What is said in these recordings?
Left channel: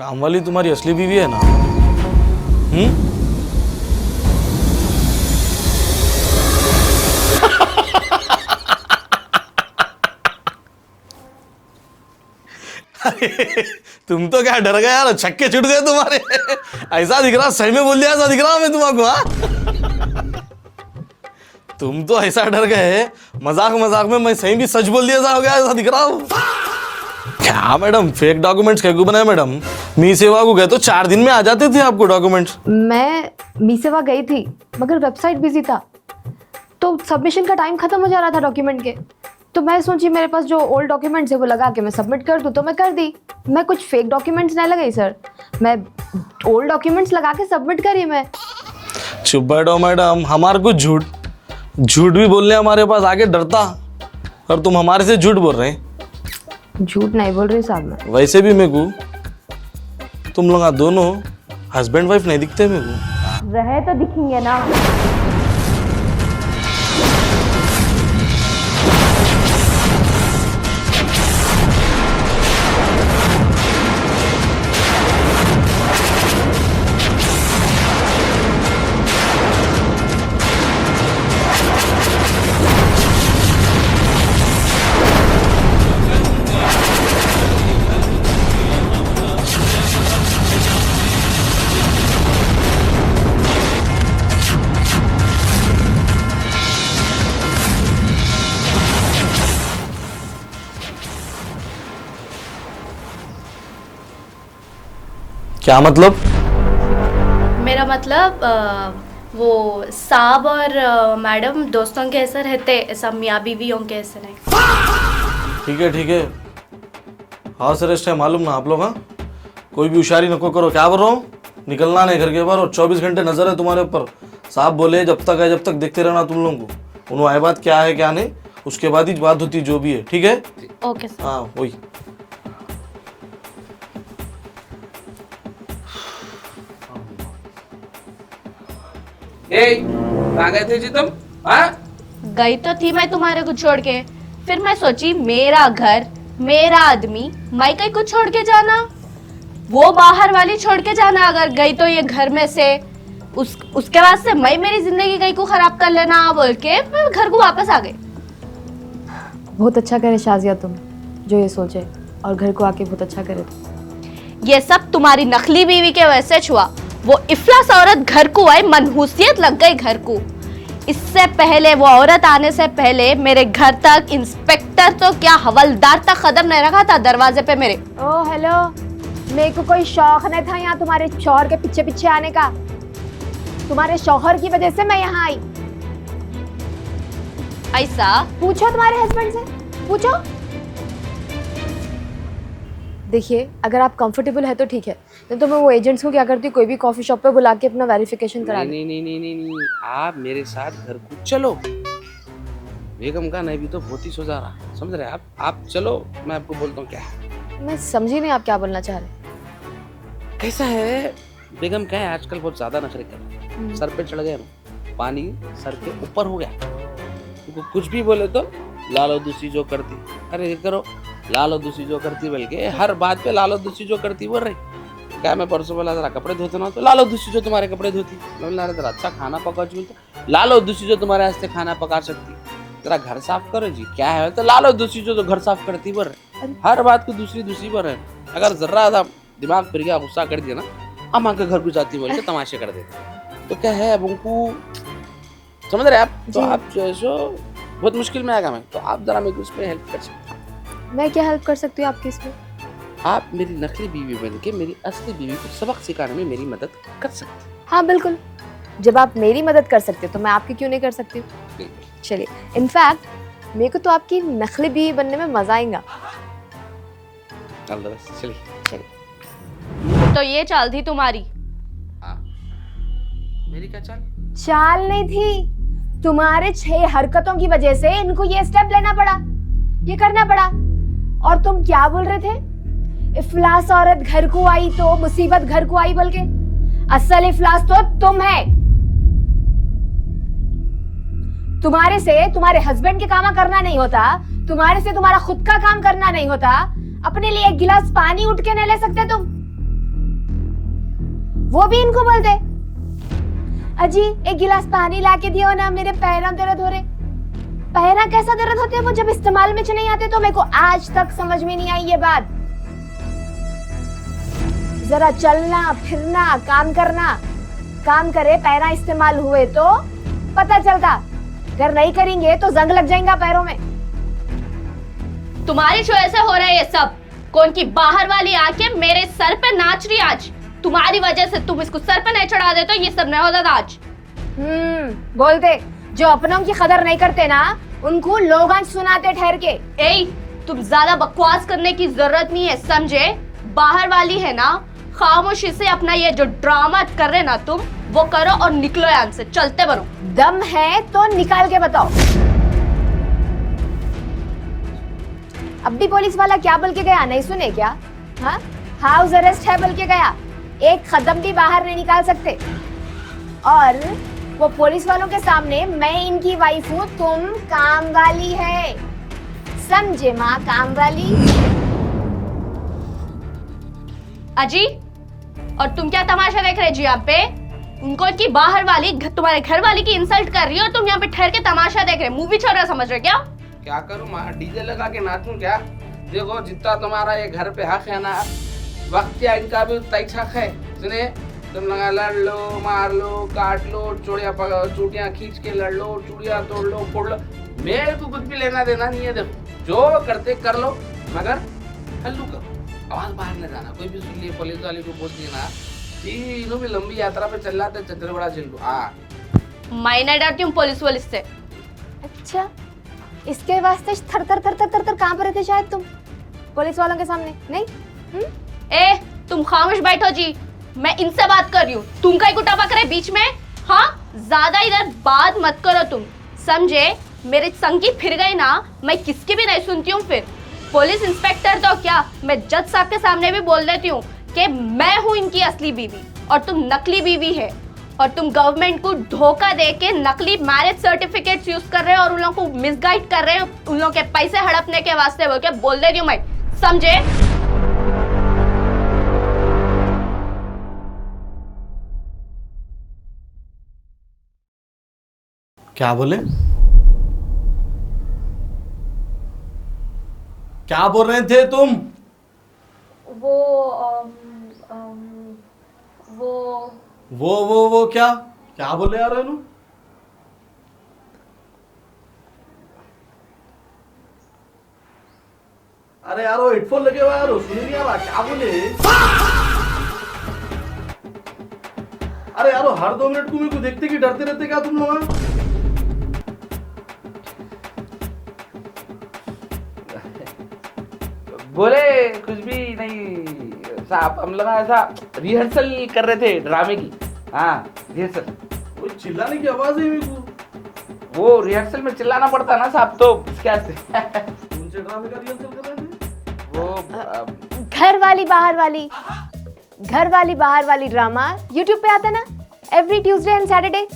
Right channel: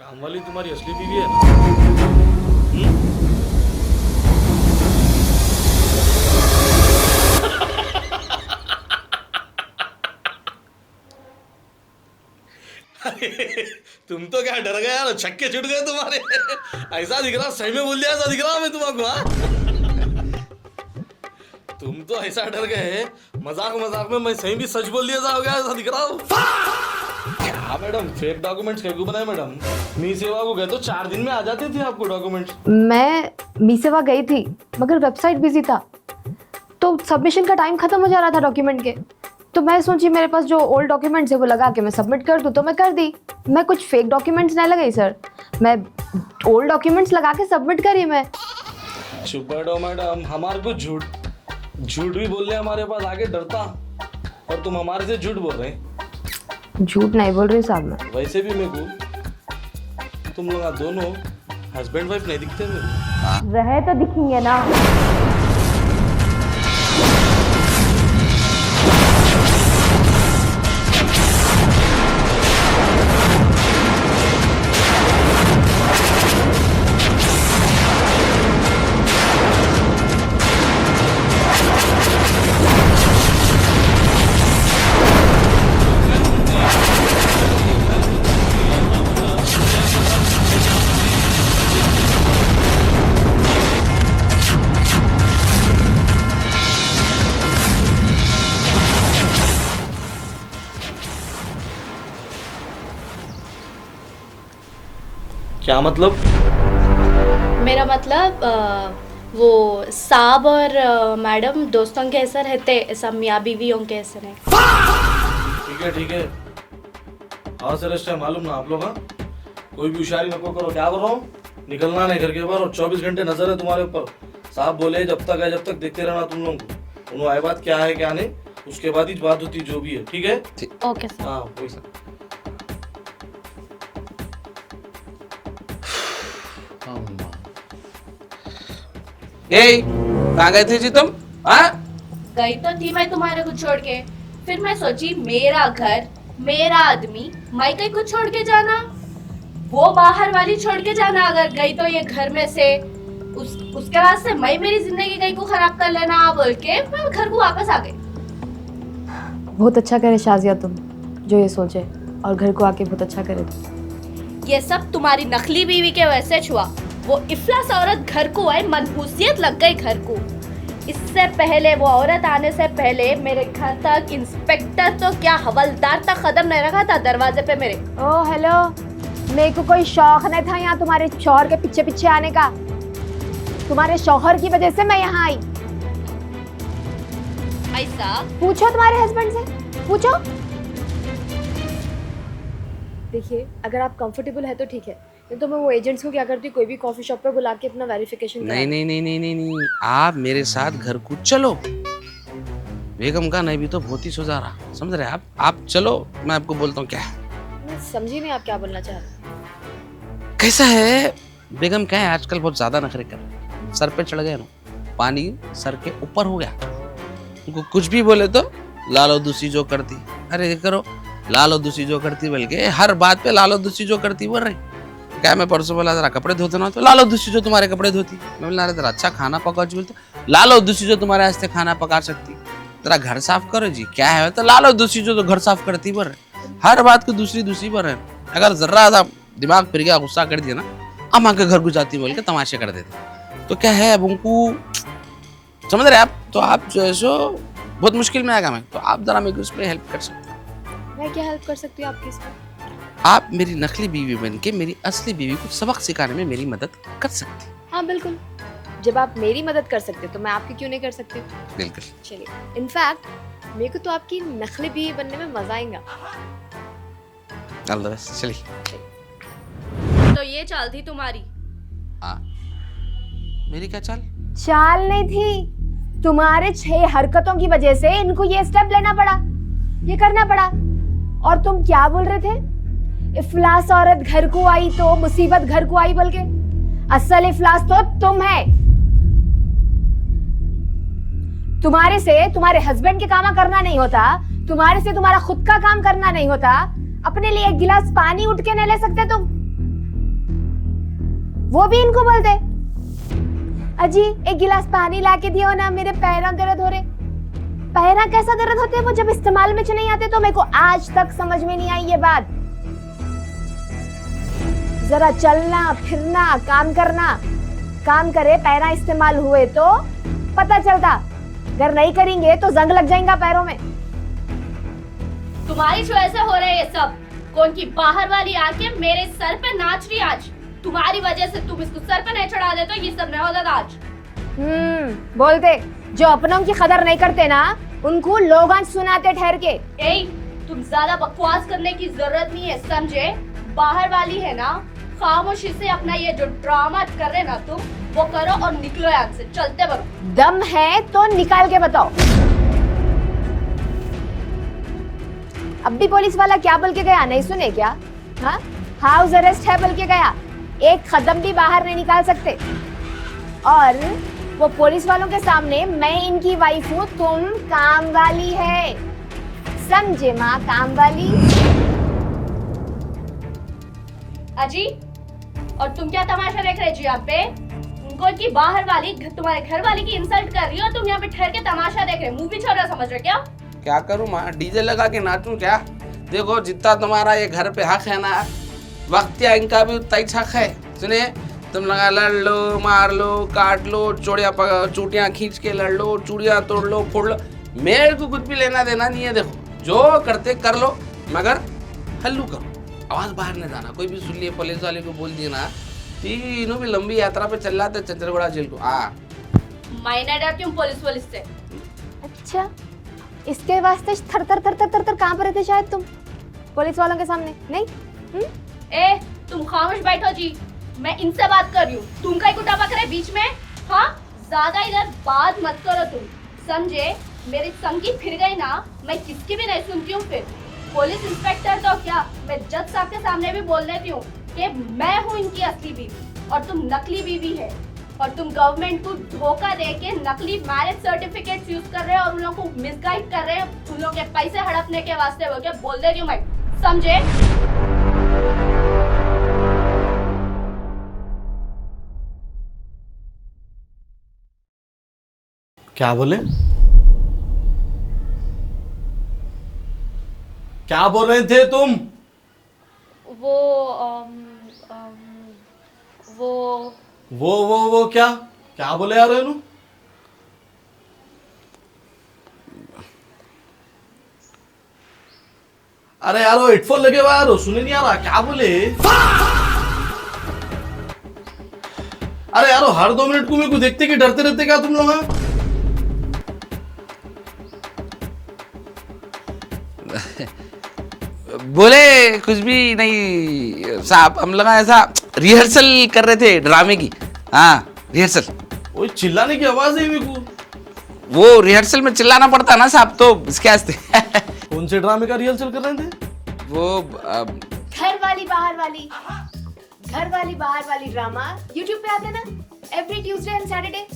काम वाली तुम्हारी असली बीवी है ना? तुम तो क्या डर गए यार, छक्के छुट गए तुम्हारे। ऐसा दिख रहा, सही में बोल दिया ऐसा दिख रहा मैं तुम्हारे। हाँ तुम तो ऐसा डर गए, मजाक मजाक में मैं सही भी सच बोल दिया ऐसा हो गया, ऐसा दिख रहा हूँ। क्या मैडम, फेक डॉक्यूमेंट्स क्या क्यों बनाए मैडम? मी सेवा को गए तो 4 दिन में आ जाते थे आपको डॉक्यूमेंट्स। मैं मी सेवा गई थी मगर वेबसाइट बिजी था, तो सबमिशन का टाइम खत्म हो जा रहा था डॉक्यूमेंट के। तो मैं सोची मेरे पास जो ओल्ड डॉक्यूमेंट्स है वो लगा के मैं सबमिट कर दूं, तो मैं कर दी। मैं कुछ फेक डॉक्यूमेंट्स नहीं लगाई सर, मैं ओल्ड डॉक्यूमेंट्स लगा के सबमिट करी मैं। चुप बैठो मैडम, हमारे को झूठ भी बोलने हमारे पास आगे डरता, और तुम हमारे से झूठ बोल रहे हैं। झूठ नहीं बोल रही साहब मैं। वैसे भी मेरे को तुम लोग दोनों हस्बैंड वाइफ नहीं दिखते मेरे को। रहे तो दिखेंगे ना। क्या मतलब? मेरा मतलब वो साहब और मैडम दोस्तों के ऐसे रहते, ऐसा मियाँ बीवियों के ऐसे नहीं। ठीक है हाँ सर, है मालूम ना आप लोग। हाँ कोई भी होशियारी नको करो, क्या बोल रहा हूँ, निकलना नहीं घर के बाहर, और 24 घंटे नजर है तुम्हारे ऊपर। साहब बोले जब तक है जब तक देखते रहना तुम लोगों को, उन्होंने आए बात क्या है क्या नहीं, उसके बाद ही बात होती जो भी है। ठीक है? Okay sir. हाँ वही। कहाँ गए थे जी तुम? हाँ गई तो थी मैं तुम्हारे को छोड़ के, फिर मैं सोची मेरा घर मेरा आदमी, मैं कहीं कुछ छोड़ के जाना, वो बाहर वाली छोड़ के जाना अगर गई तो ये घर में से, उसके बाद से मैं मेरी जिंदगी कहीं को खराब कर लेना बोल के मैं घर को वापस आ गई। बहुत अच्छा करे शाजिया तुम जो ये सोचे, और घर को आके बहुत अच्छा करे तुम। ये सब तुम्हारी नकली बीवी के वजह से हुआ। वो इफलास औरत घर को आई, मनहूसियत लग गई घर को। इससे पहले वो औरत आने से पहले मेरे घर तक इंस्पेक्टर तो क्या हवलदार तक कदम नहीं रखा था दरवाजे पे मेरे। ओ हेलो, मेरे को कोई शौक नहीं था यहाँ तुम्हारे शौहर के पीछे पीछे आने का। तुम्हारे शौहर की वजह से मैं यहाँ आई। ऐसा पूछो तुम्हारे हस्बैंड से, पूछो। देखिए अगर आप कंफर्टेबल है तो ठीक है, नहीं तो मैं वो एजेंट्स को क्या करती हूँ, कोई भी कॉफी शॉप पे बुला के अपना वेरिफिकेशन करा। नहीं, आप मेरे साथ घर को चलो। बेगम का नहीं भी तो बहुत ही सुझा रहा, समझ रहे आप चलो, मैं आपको बोलता हूँ क्या है। मैं समझी नहीं आप क्या बोलना चाह रहे। कैसा है बेगम, क्या है आजकल बहुत ज्यादा नखरे कर, सर पे चढ़ गए, पानी सर के ऊपर हो गया। उनको कुछ भी बोले तो लालो दूसरी जो करती, अरे ये करो लालो दूसरी जो करती, बल्कि हर बात पे लालो दूसरी जो करती बोल रही। क्या मैं परसों बोला जरा कपड़े धोते ना, तो लालो दूसरी जो तुम्हारे कपड़े धोती। मैं बोला जरा अच्छा खाना पकाओ जी, बोलते लालो दूसरी जो तुम्हारे हंसते खाना पका सकती। जरा घर साफ करो जी, क्या है तो लालो दूसरी जो तो घर साफ करती बोल रहे। हर बात को दूसरी बोल रहे। अगर जरा सा दिमाग फिर गया, गुस्सा कर दिया ना, अम्मा के घर को जाती बोल के तमाशे कर देते। तो क्या है अब उनको समझ रहे आप, तो आप जो है सो बहुत मुश्किल में आएगा मैं, तो आप जरा मेरे को इसमें हेल्प कर सकते हो। मैं क्या हेल्प कर सकती हूँ आपकी इसमें? आप मेरी नकली बीवी बन के मेरी असली बीवी को सबक सिखाने में मेरी मदद कर सकती हैं। हाँ बिल्कुल, जब आप मेरी मदद कर सकते हो तो मैं आपकी क्यों नहीं कर सकती? बिल्कुल। चलिए, इनफैक्ट मेरे को तो आपकी नकली बीवी बनने में मजा आएगा। चलिए। तो ये चाल थी तुम्हारी? मेरी क्या चाल? चाल नहीं थी, तुम्हारे 6 हरकतों की वजह से इनको ये स्टेप लेना पड़ा, ये करना पड़ा। और तुम क्या बोल रहे थे, इफलास औरत घर को आई तो मुसीबत घर को आई बोल के। असल इफलास तो तुम है। तुम्हारे से तुम्हारे हस्बैंड के काम करना नहीं होता, तुम्हारे से तुम्हारा खुद का काम करना नहीं होता, अपने लिए एक गिलास पानी उठ के नहीं ले सकते तुम। वो भी इनको बोलते। अजी एक गिलास पानी ला के दियो ना, मेरे पैरों दर्द हो रहे। पैरा कैसा दर्द होते हैं वो जब इस्तेमाल में नहीं आते, तो मेरे को आज तक समझ में नहीं आई ये बात। जरा चलना फिरना काम करना, काम करे पैरा इस्तेमाल हुए तो पता चलता, अगर नहीं करेंगे तो जंग लग जाएगा पैरों में। तुम्हारी वजह से हो रहा है ये सब। कौन की बाहर वाली आके मेरे सर पे नाच रही आज। तुम्हारी वजह से, तुम इसको सर पे नहीं चढ़ा देते तो ये सब नहीं होता आज। बोलते जो अपनों की कदर नहीं करते ना, उनको लोग आज सुनाते ठहर के। ए, तुम ज्यादा बकवास करने की जरूरत नहीं है, समझे? बाहर वाली है ना, खामोशी से अपना ये जो ड्रामा कर रहे ना तुम, वो करो और निकलो यहाँ से, चलते बनो। दम है तो निकाल के बताओ। अब भी पुलिस वाला क्या बोल के गया, नहीं सुने क्या? हाँ, हाउस अरेस्ट है बोल के गया, एक कदम भी बाहर नहीं निकाल सकते। और वो पुलिस वालों के सामने मैं इनकी वाइफ हूँ, तुम काम वाली है, समझे माँ? काम वाली। अजी, और तुम क्या तमाशा देख रहे जी यहाँ पे? उनको की बाहर वाली तुम्हारे घर वाली की इंसल्ट कर रही हो, तुम यहाँ पे ठहर के तमाशा देख रहे, मूवी चल रहा समझ रहे क्या? क्या करूँ माँ, डीजे लगा के नाचूं क्या? देखो जितना तुम्हारा ये घर पे हक है ना, वक्त या इनका भी उतना ही हक है। सुने, तुम लगा लड़ लो, मार लो, काट लो, चूड़ियाँ खींच के लड़ लो, चूड़ियाँ तोड़ लो, फोड़ लो, मेरे को कुछ भी लेना देना नहीं है। देखो जो करते कर लो, मगर हल्लू करो, आवाज बाहर नहीं जाना। कोई भी सुन लिए पुलिस वाले को बोल दिया ना कि इन्हों भी लंबी यात्रा पे चल रहा था चंद्रबड़ा जेल को। हाँ, मैं डरती हूँ पुलिस वालिस से। अच्छा, इसके वास्ते थर थर थर थर थर थर कांप रहे थे शायद तुम पुलिस वालों के सामने, नहीं? ए, तुम खामोश बैठो जी, मैं इनसे बात कर रही हूँ। तुम कहीं को टपक रहे बीच में? हाँ, ज्यादा इधर बात मत करो तुम, समझे? मेरे संगी फिर गई ना, मैं किसकी भी नहीं सुनती हूँ। फिर पुलिस इंस्पेक्टर तो क्या, मैं जज साहब के सामने भी बोल देती हूँ कि मैं हूँ इनकी असली बीवी और तुम नकली बीवी है, और तुम गवर्नमेंट को धोखा दे के नकली मैरिज सर्टिफिकेट्स यूज कर रहे हो और उन लोगों को मिसगाइड कर रहे हो, उन लोगों के पैसे हड़पने के वास्ते बोल के बोल देती हूँ मैं, समझे? क्या बोले? क्या बोल रहे थे तुम? वो क्या बोले यार रेनू? अरे यार वो हेडफोन लगे हुआ यार, सुनी नहीं आ रहा, क्या बोले? अरे यार हर 2 मिनट को मेरे को देखते कि डरते रहते क्या तुम लोग? बोले कुछ भी नहीं साहब, हम लोग ऐसा रिहर्सल कर रहे थे ड्रामे की। हाँ, रिहर्सल। वही चिल्लाने की आवाज है मेरे को। वो रिहर्सल में चिल्लाना पड़ता ना साहब, तो इसके वास्ते। कौन से ड्रामे का रिहर्सल कर रहे थे? वो घर वाली बाहर वाली, घर वाली बाहर वाली ड्रामा यूट्यूब पे आता है ना, एवरी ट्यूसडे एंड सैटरडे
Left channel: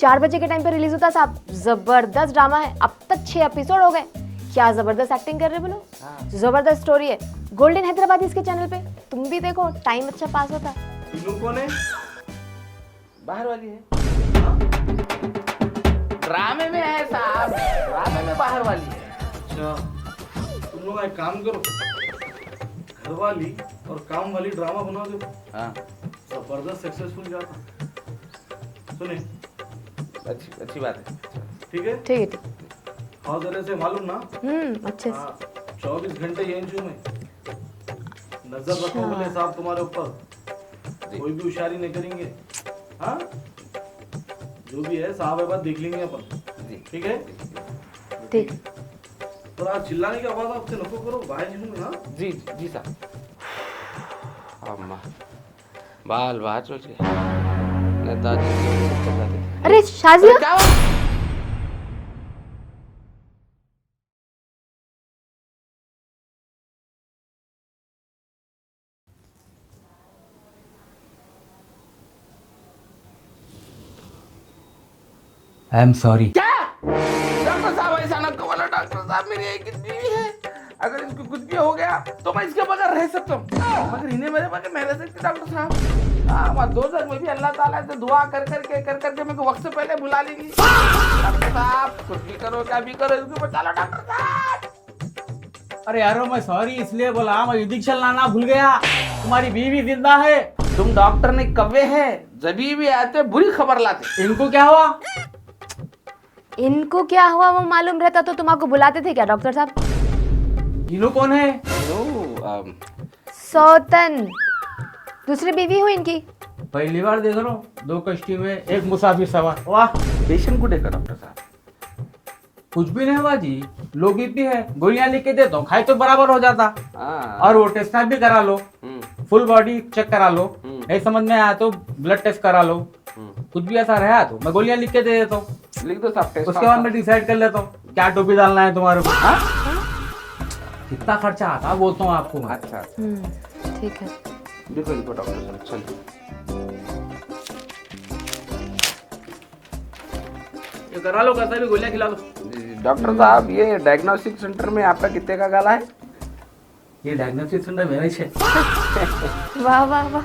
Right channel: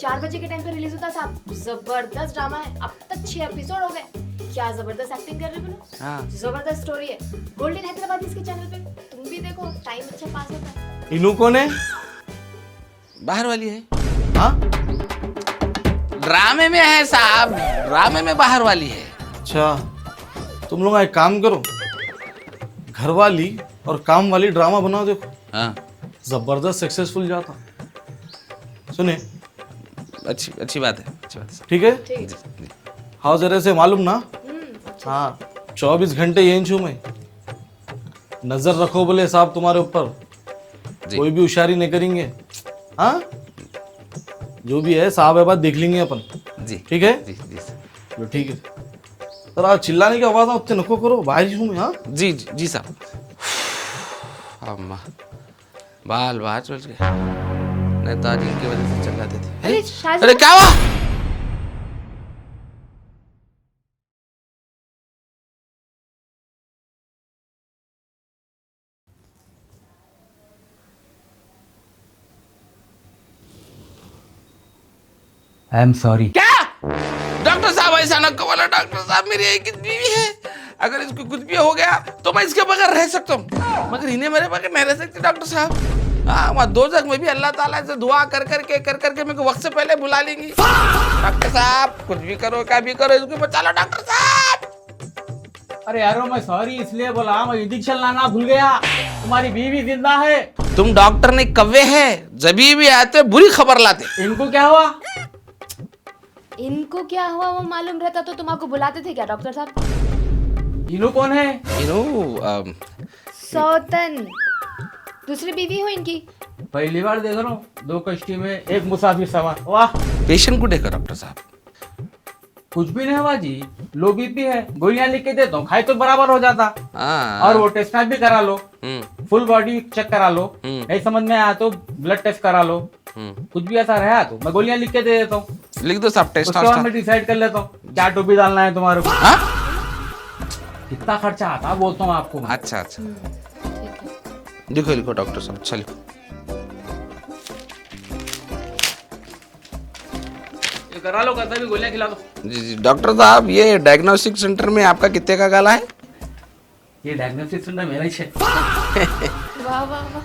4 बजे के टाइम पे रिलीज होता है साहब। जबरदस्त ड्रामा है, अब तक 6 एपिसोड हो गए। क्या जबरदस्त एक्टिंग कर रहे बोलो, जबरदस्त स्टोरी है। गोल्डन हैदराबाद इसके चैनल पे, तुम भी देखो, टाइम अच्छा पास होता है। इनू कौन है? बाहर वाली है। हाँ, ड्रामे में है साहब, ड्रामे में बाहर वाली है। अच्छा, तुम लोग एक काम करो, घर वाली और काम वाली ड्रामा बनाओ, देखो हाँ, जबरदस्त सक्सेसफुल जाता। सुने, अच्छी बात है, अच्छी बात है। ठीक है? ठीक है। हाँ, जरा से मालूम ना? अच्छा। हाँ, 24 घंटे यहीं छू मैं, नजर रखो बोले साहब तुम्हारे ऊपर, कोई भी होशियारी नहीं करेंगे। हाँ, जो भी है साहब है बात देख लेंगे अपन। जी, ठीक है? जी, जी, लो ठीक है। तो आज चिल्लाने की आवाज उतने नको करो, भाई हूँ मैं। हाँ, जी, जी, जी साहब। अम्मा, बाल बाहर चल गए, नहीं तो आज इनकी चल रही थी। अरे शाजी, अरे क्या हुआ? I am sorry. क्या? डॉक्टर साहब ऐसा ना कहो ना, डॉक्टर साहब मेरी एक ही बीवी है, अगर इसको कुछ भी हो गया तो मैं इसके बगैर रह सकता हूँ, मगर इन्हें मेरे बगैर नहीं रह सकती डॉक्टर साहब। हाँ मत दो जग में भी अल्लाह ताला से दुआ कर करके मेरे को वक्त से पहले बुला लेंगी। डॉक्टर साहब कुछ भी करो क्या भी करो इसको बचा लो डॉक्टर साहब। अरे यारो मैं सॉरी इसलिए बोला, मैं इंजेक्शन लाना भूल गया। तुम्हारी बीवी जिंदा है। तुम डॉक्टर नहीं कव्वे है, जभी भी आते बुरी खबर लाते। इनको क्या हुआ? इनको क्या हुआ वो मालूम रहता तो तुम आपको बुलाते थे क्या डॉक्टर साहब? इनो कौन है? सौतन दूसरी बीवी हुई इनकी। पहली बार देख रहा हूँ, 2 कश्ती में एक मुसाफिर सवार। वाह, पेशेंट को देखो डॉक्टर साहब। कुछ भी नहीं हुआ जी, लो बीपी है, गोलियां लिख के देता हूँ, खाए तो बराबर हो जाता। हाँ। और वो टेस्ट भी करा लो, फुल बॉडी चेक करा लो, नहीं समझ में आया तो ब्लड टेस्ट करा लो, कुछ भी ऐसा रहा तो मैं गोलियां लिख के दे देता हूँ। लिख दो साहब टेस्ट। उसके बाद मैं डिसाइड कर लेता हूँ क्या टोपी डालना है तुम्हारे को। हाँ? कितना खर्चा आता बोलता हूँ आपको मैं। अच्छा अच्छा ठीक है। लिखो लिखो डॉक्टर साहब चलो। करा लो, कैसे भी गोलियां खिला लो। जी जी डॉक्टर साहब ये डायग्नोस्टिक सेंटर में आपका कितने का गाला है? ये डायग्नोस्टिक सेंटर मेरा ही है। वाह वाह वाह,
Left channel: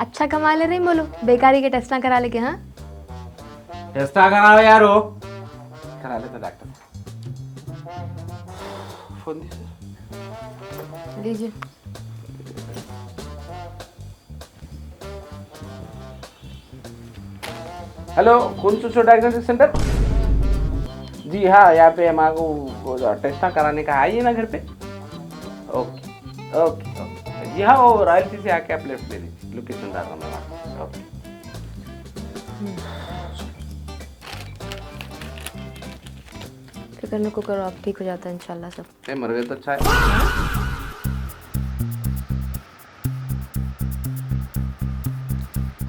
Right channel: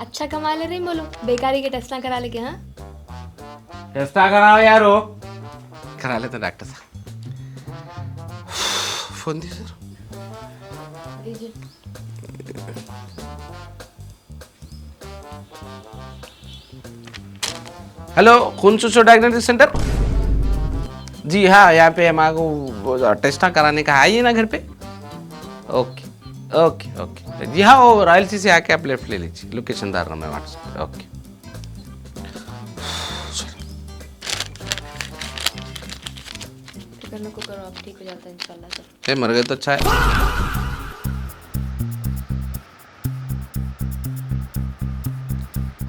अच्छा कमा ले रही बोलो, बेकारी के टेस्ट ना करा लेके। हाँ टेस्ट कराओ यारो। करा लेते डॉक्टर साहब। फोन दीजिए। दीजिए। हेलो खून चूसो डायग्नोस्टिक सेंटर। जी हाँ यहाँ पे हमारे को टेस्ट कराने का आइए ना घर पे। ओके ओके ओके जी हाँ वो रॉयल सी से आके आप लेफ्ट ले लीजिए, लोकेशन डाल रहा हूँ मैं व्हाट्सएप पे। ओके फिक्र को करो, आप ठीक हो जाता है इंशाल्लाह सब। ये मर गए तो अच्छा है।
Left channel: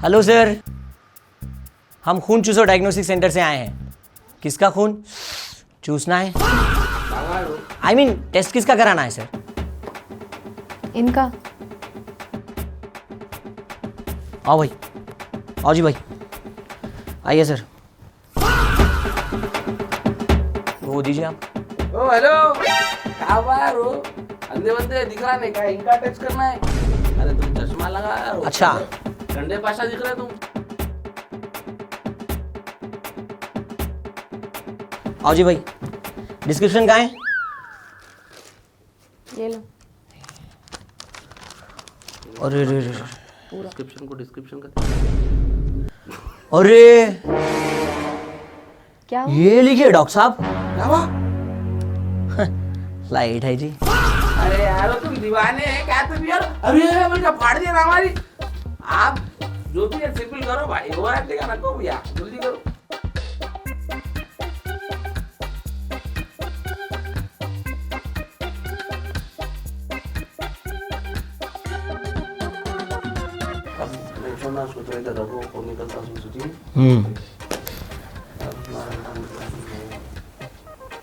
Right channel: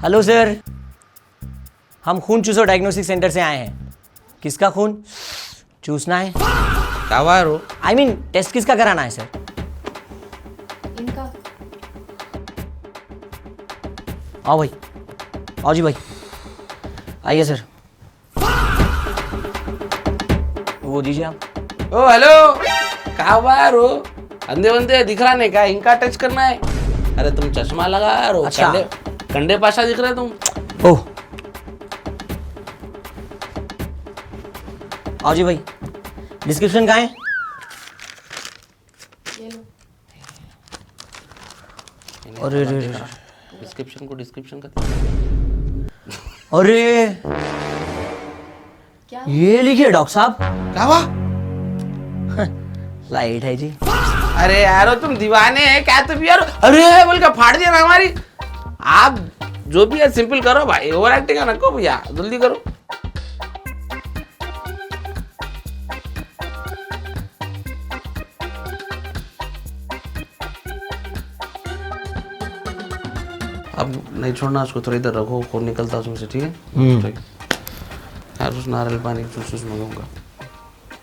हेलो सर, हम खून चूसो डायग्नोस्टिक सेंटर से आए हैं। किसका खून चूसना है? कावारो आई मीन टेस्ट किसका कराना है सर? इनका। आओ भाई, आओ जी भाई, आइए सर। वो दीजिए आप। ओ हेलो कावारो अंधे बंदे दिख रहा नहीं क्या? इनका टच करना है। अरे तुम चश्मा लगा यार। अच्छा। कंडे पाशा दिख रहा है तुम। ओह आओ जी भाई, डिस्क्रिप्शन कहाँ है? ये लो। अरे रे रे, डिस्क्रिप्शन को डिस्क्रिप्शन कर। अरे क्या? ये लिखिए डॉक्टर साहब। कावा लाइट है जी। अरे यारो तुम दीवाने हैं क्या तुम यार? अरे बोल के फाड़ दिया ना हमारी। आप जो भी है सिंपल करो भाई, ओवर एक्टिंग ना करो भैया, जल्दी करो। अब नहीं छोड़ना उसको, थोड़ी देर रखो, खून निकलता उसमें, ठीक है? यार उस नारियल पानी कुछ उसमें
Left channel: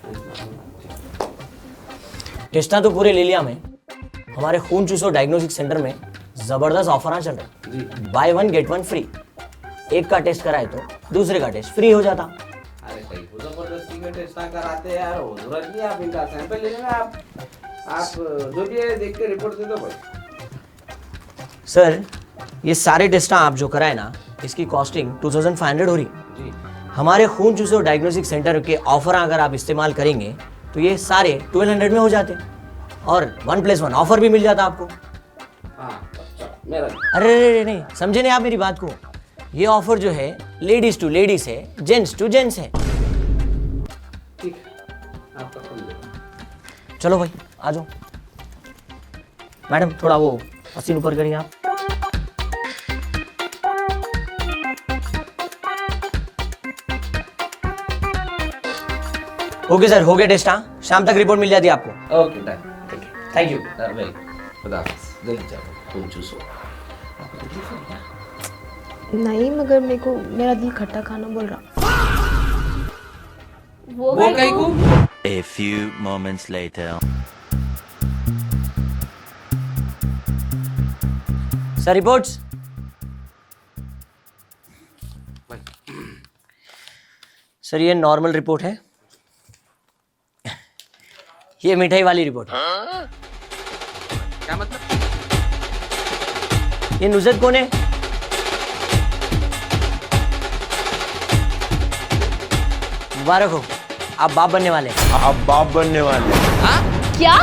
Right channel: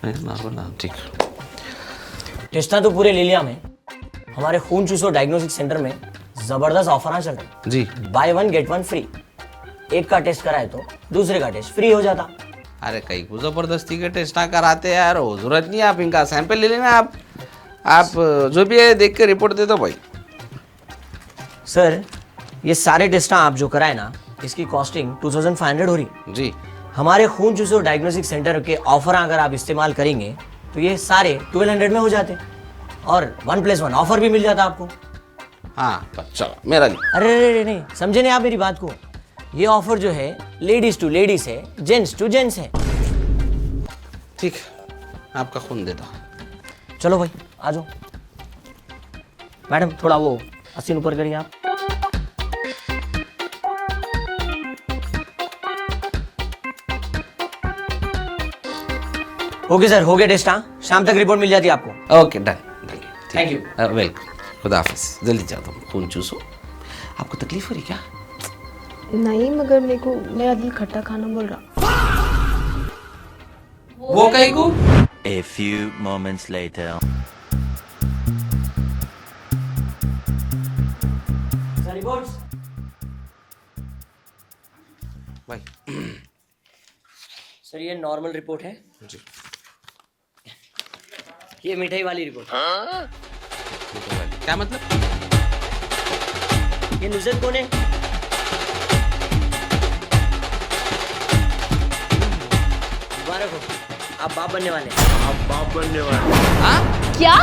नहीं ना, ठीक है। टेस्टा तो पूरे ले लिया मैं। हमारे खून चूसो डायग्नोस्टिक सेंटर में जबरदस्त ऑफर चल रहे जी बाय 1 गेट 1 फ्री। एक का टेस्ट कराए तो दूसरे का टेस्ट फ्री हो जाता। अरे कहीं को जबरदस्ती के टेस्ट ना कराते यार, वो जरूरत नहीं है। आप इनका सैंपल ले लेना। आप जो भी है देख के रिपोर्ट दे दो भाई। सर ये सारे टेस्टा आप जो कराए ना, इसकी कॉस्टिंग 2500 हो रही। जी हमारे खून चूसो डायग्नोस्टिक सेंटर के ऑफर अगर आप इस्तेमाल करेंगे तो ये सारे 1200 में हो जाते और 1+1 ऑफर भी मिल जाता आपको। हाँ चलो मेरा भी। अरे नहीं, समझे नहीं आप मेरी बात को? ये ऑफर जो है लेडीज टू लेडीज है, जेंट्स टू जेंट्स है। ठीक है आपका खून देता हूँ। चलो भाई आ जाओ। मैडम थोड़ा वो मशीन ऊपर करिए आप। ओके सर, हो गया टेस्ट। हाँ शाम तक रिपोर्ट मिल जाती है आपको। Okay done. Thank you welcome. खुदा हाफिज। जल्दी जाओ खून चूसो। आपको तकलीफ हो रही क्या? नहीं मगर मेरे को मेरा दिल खट्टा खाना बोल रहा। वो कहीं को? A few moments later. Sir reports. Sir ये नॉर्मल रिपोर्ट है। ये मिठाई वाली रिपोर्ट। क्या मतलब? ये नुजरत कौन है? मुबारक हो, आप बाप बनने वाले हैं। हाँ क्या